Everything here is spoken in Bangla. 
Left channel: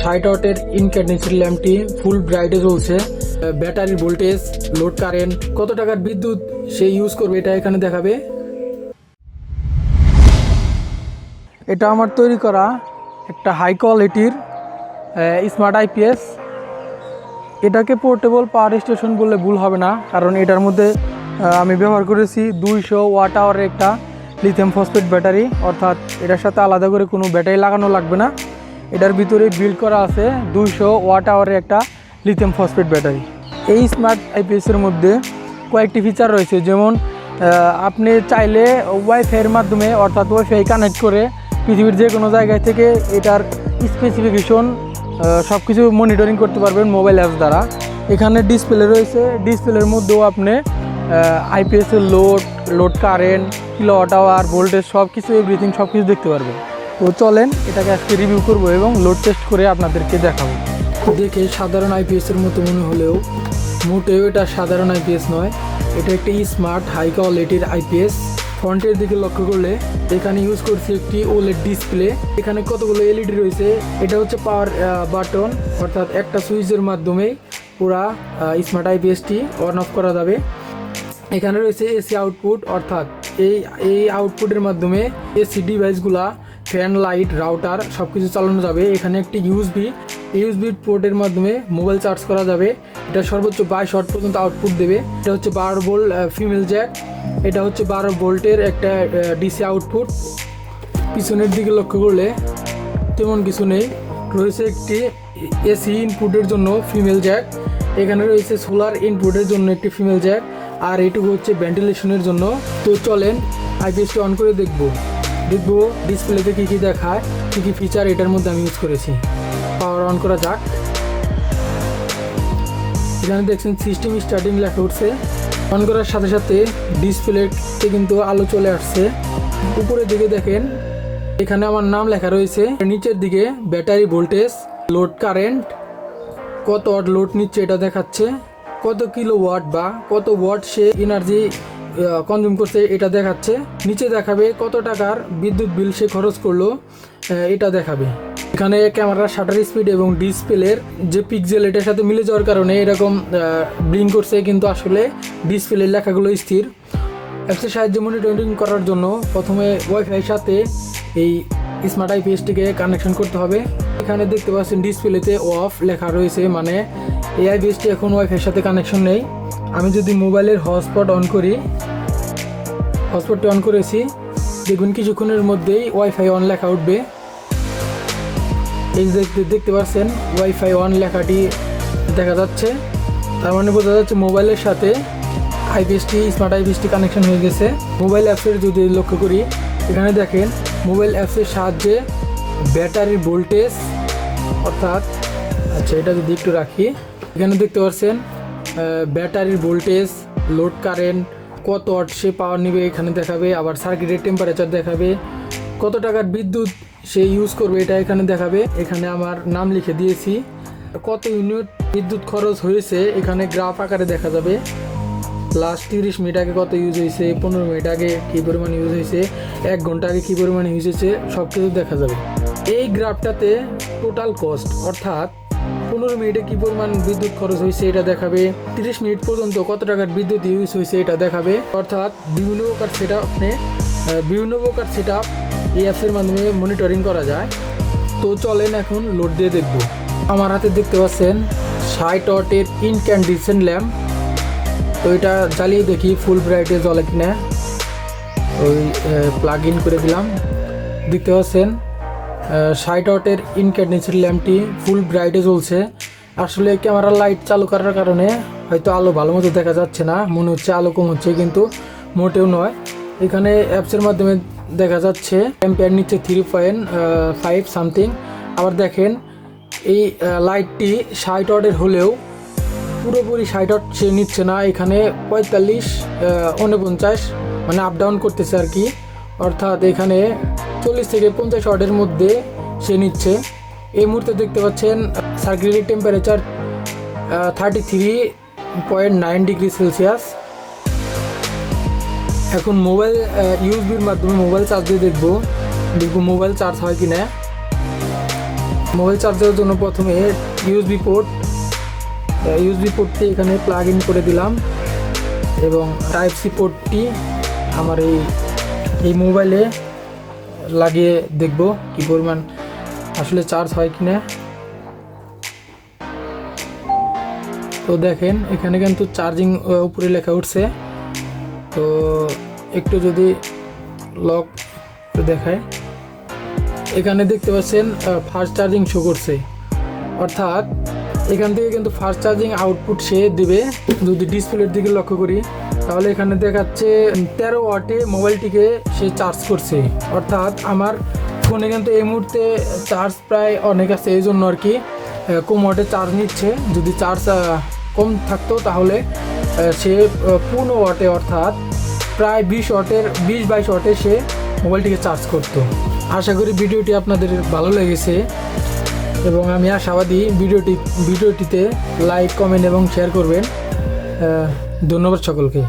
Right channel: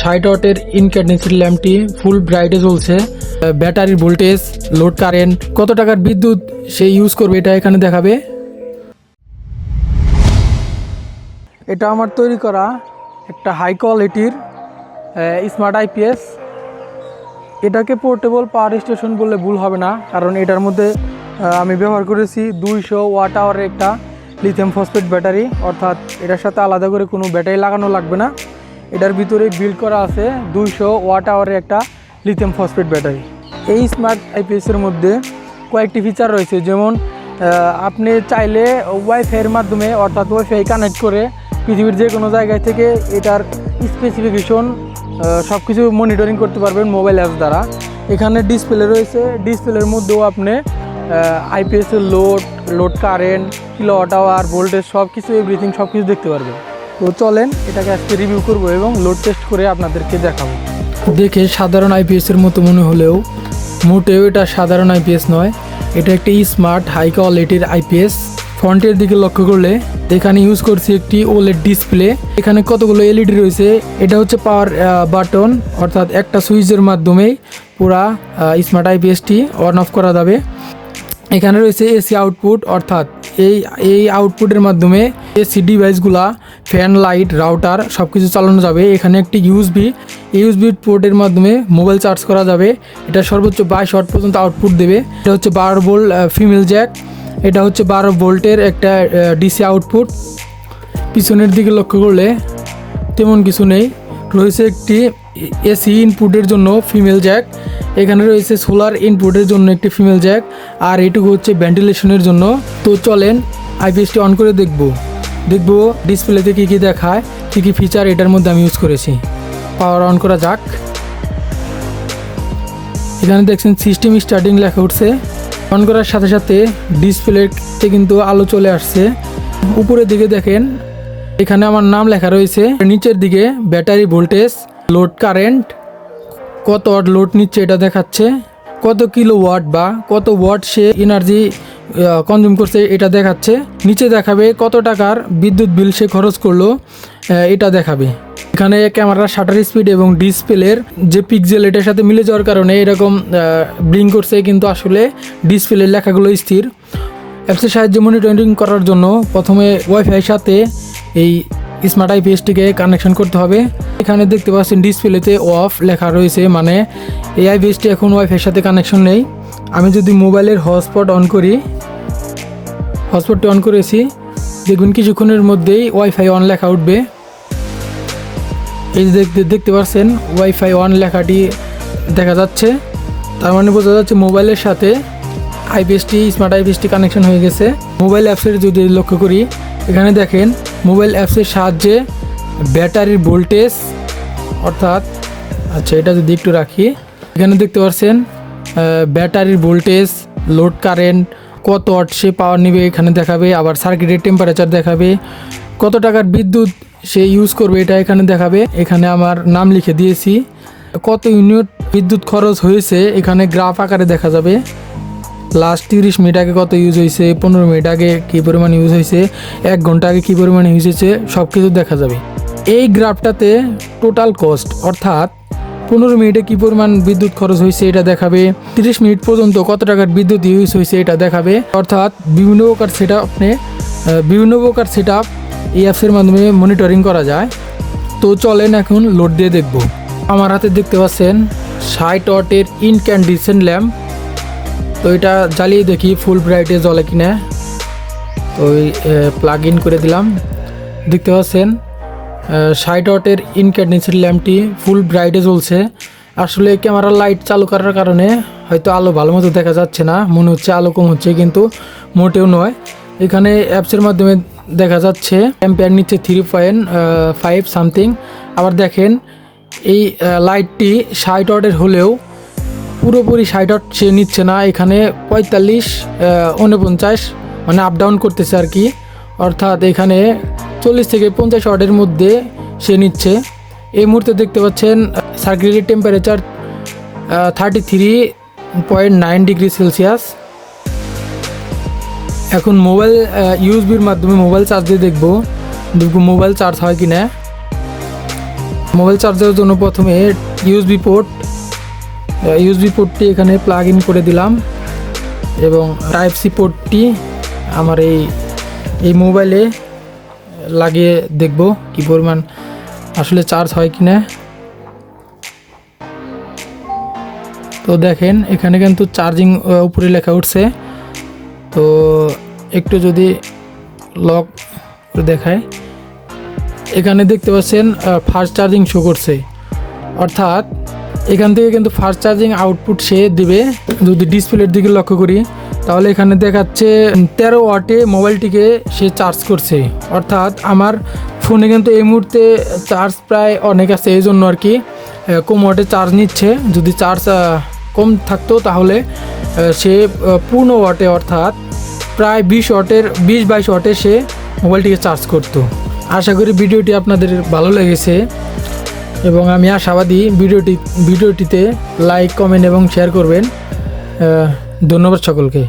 60 ওয়াটের ইনক্যান্ডেসেন্ট ল্যাম্পটি ফুল ব্রাইটে জ্বলছে। ব্যাটারির ভোল্টেজ, লোড কারেন্ট, কত টাকার বিদ্যুৎ সে ইউজ করবে এটা এখানে দেখাবে। এটা আমার তৈরি করা একটা হাই কোয়ালিটির স্মার্ট আইপিএস। এটাকে পোর্টেবল পাওয়ার স্টেশন বললে ভুল হবে না, কারণ এটার মধ্যে আমি ব্যবহার করেছি 200 ওয়াট আওয়ারের একটা লিথিয়াম ফসফেট ব্যাটারি, অর্থাৎ এটার সাথে আলাদা করে কোনো ব্যাটারি লাগানো লাগবে না। এটার ভিতরে বিল্ড করা আছে 200 ওয়াট আওয়ারের একটা লিথিয়াম ফসফেট ব্যাটারি। এই স্মার্ট আইপিএসের মধ্যে কয়েকটি ফিচার রয়েছে, যেমন আপনি চাইলে ওয়াইফাইয়ের মাধ্যমে অর্থাৎ ওয়াইফাই কানেক্ট করে পৃথিবীর যে কোনো জায়গায় থেকে এটার স্পেসিফিকেশন সব কিছু মনিটরিং করতে পারবেন মোবাইল অ্যাপস দ্বারা। এখানে ডিসপ্লে রয়েছে, ডিসপ্লের মধ্যেও আপনি আইপিএসের load current, kilowatt hour, voltage সব কিছু এভরিথিং সব কিছু দেখতে পারবেন। তো চলেন এটাকে আজকে রিভিউ করব এবং লোড টেস্ট করে আপনাদেরকে দেখাবো। দেখে সাধারণ আইপিএসের মতো মনে হলেও মোটেও এটা সাধারণ আইপিএস নয়, এটা একটি স্মার্ট হাই কোয়ালিটির আইপিএস। ফ্রন্টের দিকে লক্ষ্য করলে এখানে ইউজ করছি একটি ওলেড ডিসপ্লে। এখানে কতগুলো এলইডি রয়েছে। এটা হচ্ছে পাওয়ার বাটন, অর্থাৎ একটা সুইচের মাধ্যমেই পুরা স্মার্ট আইপিএসটি অন অফ করা যাবে। এখানে রয়েছে এসি আউটপুট, অর্থাৎ এই আউটপুটের মাধ্যমে এসি ডিভাইসগুলা, ফ্যান, লাইট, রাউটার সব কিছু চালানো যাবে। এখানে একটি ইউএসবি পোর্টের মাধ্যমে মোবাইল চার্জ করা যাবে। এটা সর্বোচ্চ 22 ওয়াট পর্যন্ত আউটপুট দেবে। এটা হচ্ছে 12 ভোল্ট ফিমেল জ্যাক। এটা হচ্ছে 12 ভোল্টের একটা ডিসি আউটপুট। পিছনের দিকে লক্ষ্য করলে তেমন কিছু নেই। রয়েছে একটি এসি ইনপুটের জন্য ফিমেল জ্যাক। এখানে রয়েছে সোলার ইনপুটের জন্য একটি ফিমেল জ্যাক, আর এটুকু হচ্ছে ভেন্টিলেশনের জন্য। তো চলেন আইপিএসটি অন করে দেখব ডিসপ্লেতে কী দেখায়, কী ফিচার এটার মধ্যে আমি ইউজ করেছি। পাওয়ার অন করা যাক। এখানে দেখছেন সিস্টেম স্টার্টিং লেখা উঠছে। অন করার সাথে সাথে ডিসপ্লেতে কিন্তু আলো চলে আসছে। উপরের দিকে দেখেন এখানে আমার নাম লেখা রয়েছে। নিচের দিকে ব্যাটারি ভোল্টেজ, লোড কারেন্ট, কত ওয়াট লোড নিচ্ছে এটা দেখাচ্ছে, কত কিলো ওয়াট বা কত ওয়াট সে এনার্জি কনজিউম করছে এটা দেখাচ্ছে। নিচে দেখাবে কত টাকার বিদ্যুৎ বিল সে খরচ করলো এটা দেখাবে। এখানে ক্যামেরার শাটার স্পিড এবং ডিসপ্লের যে পিক্সেল এটার সাথে মিলে যাওয়ার কারণে এরকম ব্লিঙ্ক করছে, কিন্তু আসলে ডিসপ্লের লেখাগুলো স্থির। অ্যাপসের সাহায্যে মনিটরিং করার জন্য প্রথমে ওয়াইফাইয়ের সাথে এই স্মার্ট আইপিএসটিকে কানেকশন করতে হবে। এখানে দেখতে পাচ্ছেন ডিসপ্লেতে অফ লেখা রয়েছে, মানে এই আইপিএসটি এখন ওয়াইফাইয়ের সাথে কানেকশন নেই। আমি যদি মোবাইলের হটস্পট অন করি, হটস্পটটি অন করেছি, দেখবেন কিছুক্ষণের মধ্যেই ওয়াইফাই অন লেখা উঠবে। এই দেখতে পাচ্ছেন ওয়াইফাই অন লেখাটি দেখা যাচ্ছে, তার মানে বোঝা যাচ্ছে মোবাইলের সাথে স্মার্ট আইপিএসটি কানেকশন হয়ে গেছে। মোবাইল অ্যাপসের যদি লক্ষ্য করি, এখানে দেখেন মোবাইল অ্যাপসের সাহায্যে ব্যাটারির ভোল্টেজ, অর্থাৎ এটা যদি একটু রাখি, এখানে দেখতে পাচ্ছেন ব্যাটারির ভোল্টেজ, লোড কারেন্ট, কত ওয়াট সে পাওয়ার নেবে এখানে দেখাবে। আবার সার্কিটের টেম্পারেচার দেখাবে, কত টাকার বিদ্যুৎ সে ইউজ করবে এটা এখানে দেখাবে। এখানে আমার নাম লিখে দিয়েছি, কত ইউনিট বিদ্যুৎ খরচ হয়েছে এখানে গ্রাফ আকারে দেখা যাবে। লাস্ট 30 মিনিট আগে কত ইউজ হয়েছে, 15 মিনিট আগে কী পরিমাণ ইউজ হয়েছে, 1 ঘন্টা আগে কী পরিমাণ ইউজ হয়েছে, সব কিছু দেখা যাবে। এই গ্রাফটাতে টোটাল কস্ট, অর্থাৎ 15 মিনিটে কী পরিমাণ বিদ্যুৎ খরচ হয়েছে এটা দেখাবে, 30 মিনিট পর্যন্ত কত টাকার বিদ্যুৎ ইউজ হয়েছে এটা দেখাবে। অর্থাৎ বিভিন্ন প্রকার সেট আপ এই অ্যাপসের মাধ্যমে মনিটরিং করা যায়। তো চলেন এখন লোড দিয়ে দেখব। আমার হাতে দেখতে পাচ্ছেন 60 ওয়াটের ইনক্যান্ডেসেন্ট ল্যাম্প। তো এটা জ্বালিয়ে দেখি ফুল ব্রাইটে জ্বলে কিনা। ওই প্লাগ ইন করে দিলাম। দেখতে পাচ্ছেন 60 ওয়াটের ইনক্যান্ডেসেন্ট ল্যাম্পটি ফুল ব্রাইটে জ্বলছে। আসলে ক্যামেরার লাইট চালু করার কারণে হয়তো আলো ভালো মতো দেখা যাচ্ছে না, মনে হচ্ছে আলো কম হচ্ছে, কিন্তু মোটেও নয়। এখানে অ্যাপসের মাধ্যমে দেখা যাচ্ছে অ্যাম্পিয়ার নিচ্ছে 3.5 সামথিং। আবার দেখেন এই লাইটটি 60 ওয়াটের হলেও পুরোপুরি 60 ওয়াট সে নিচ্ছে না, এখানে 45, 49 মানে আপ ডাউন করতেছে আর কি। অর্থাৎ এখানে 40 থেকে 50 ওয়াটের মধ্যে সে নিচ্ছে। এই মুহূর্তে দেখতে পাচ্ছেন সার্কিটের টেম্পারেচার 33.9 ডিগ্রি সেলসিয়াস। এখন মোবাইল ইউএসবির মাধ্যমে মোবাইল চার্জ দিয়ে দেখব মোবাইল চার্জ হয় কি না। মোবাইল চার্জারের জন্য প্রথমে ইউএসবি পোর্টটি এখানে প্লাগ ইন করে দিলাম এবং টাইপ সি পোর্টটি আমার এই মোবাইলে লাগিয়ে দেখব কি পরিমাণ আসলে চার্জ হয় কিনা। তো দেখেন এখানে কিন্তু চার্জিং উপরে লেখা উঠছে। তো একটু যদি লক দেখায়, এখানে দেখতে পাচ্ছেন ফাস্ট চার্জিং শো করছে, অর্থাৎ এখান থেকে কিন্তু ফাস্ট চার্জিং আউটপুট সে দিবে। যদি ডিসপ্লের দিকে লক্ষ্য করি তাহলে এখানে দেখাচ্ছে 13 ওয়াটে মোবাইলটিকে সে চার্জ করছে, অর্থাৎ আমার ফোনে কিন্তু এই মুহূর্তে চার্জ প্রায় অনেক আছে, এই জন্য আর কি কম ওয়াটে চার্জ নিচ্ছে। যদি চার্জ কম থাকতো তাহলে সে পূর্ণ ওয়াটে অর্থাৎ প্রায় 20-22 ওয়াটে সে মোবাইলটিকে চার্জ করতো। আশা করি ভিডিওটি আপনাদের ভালো লেগেছে এবং আমি আশাবাদী ভিডিওটিতে লাইক, কমেন্ট এবং শেয়ার করবেন। ধন্যবাদ সকলকে।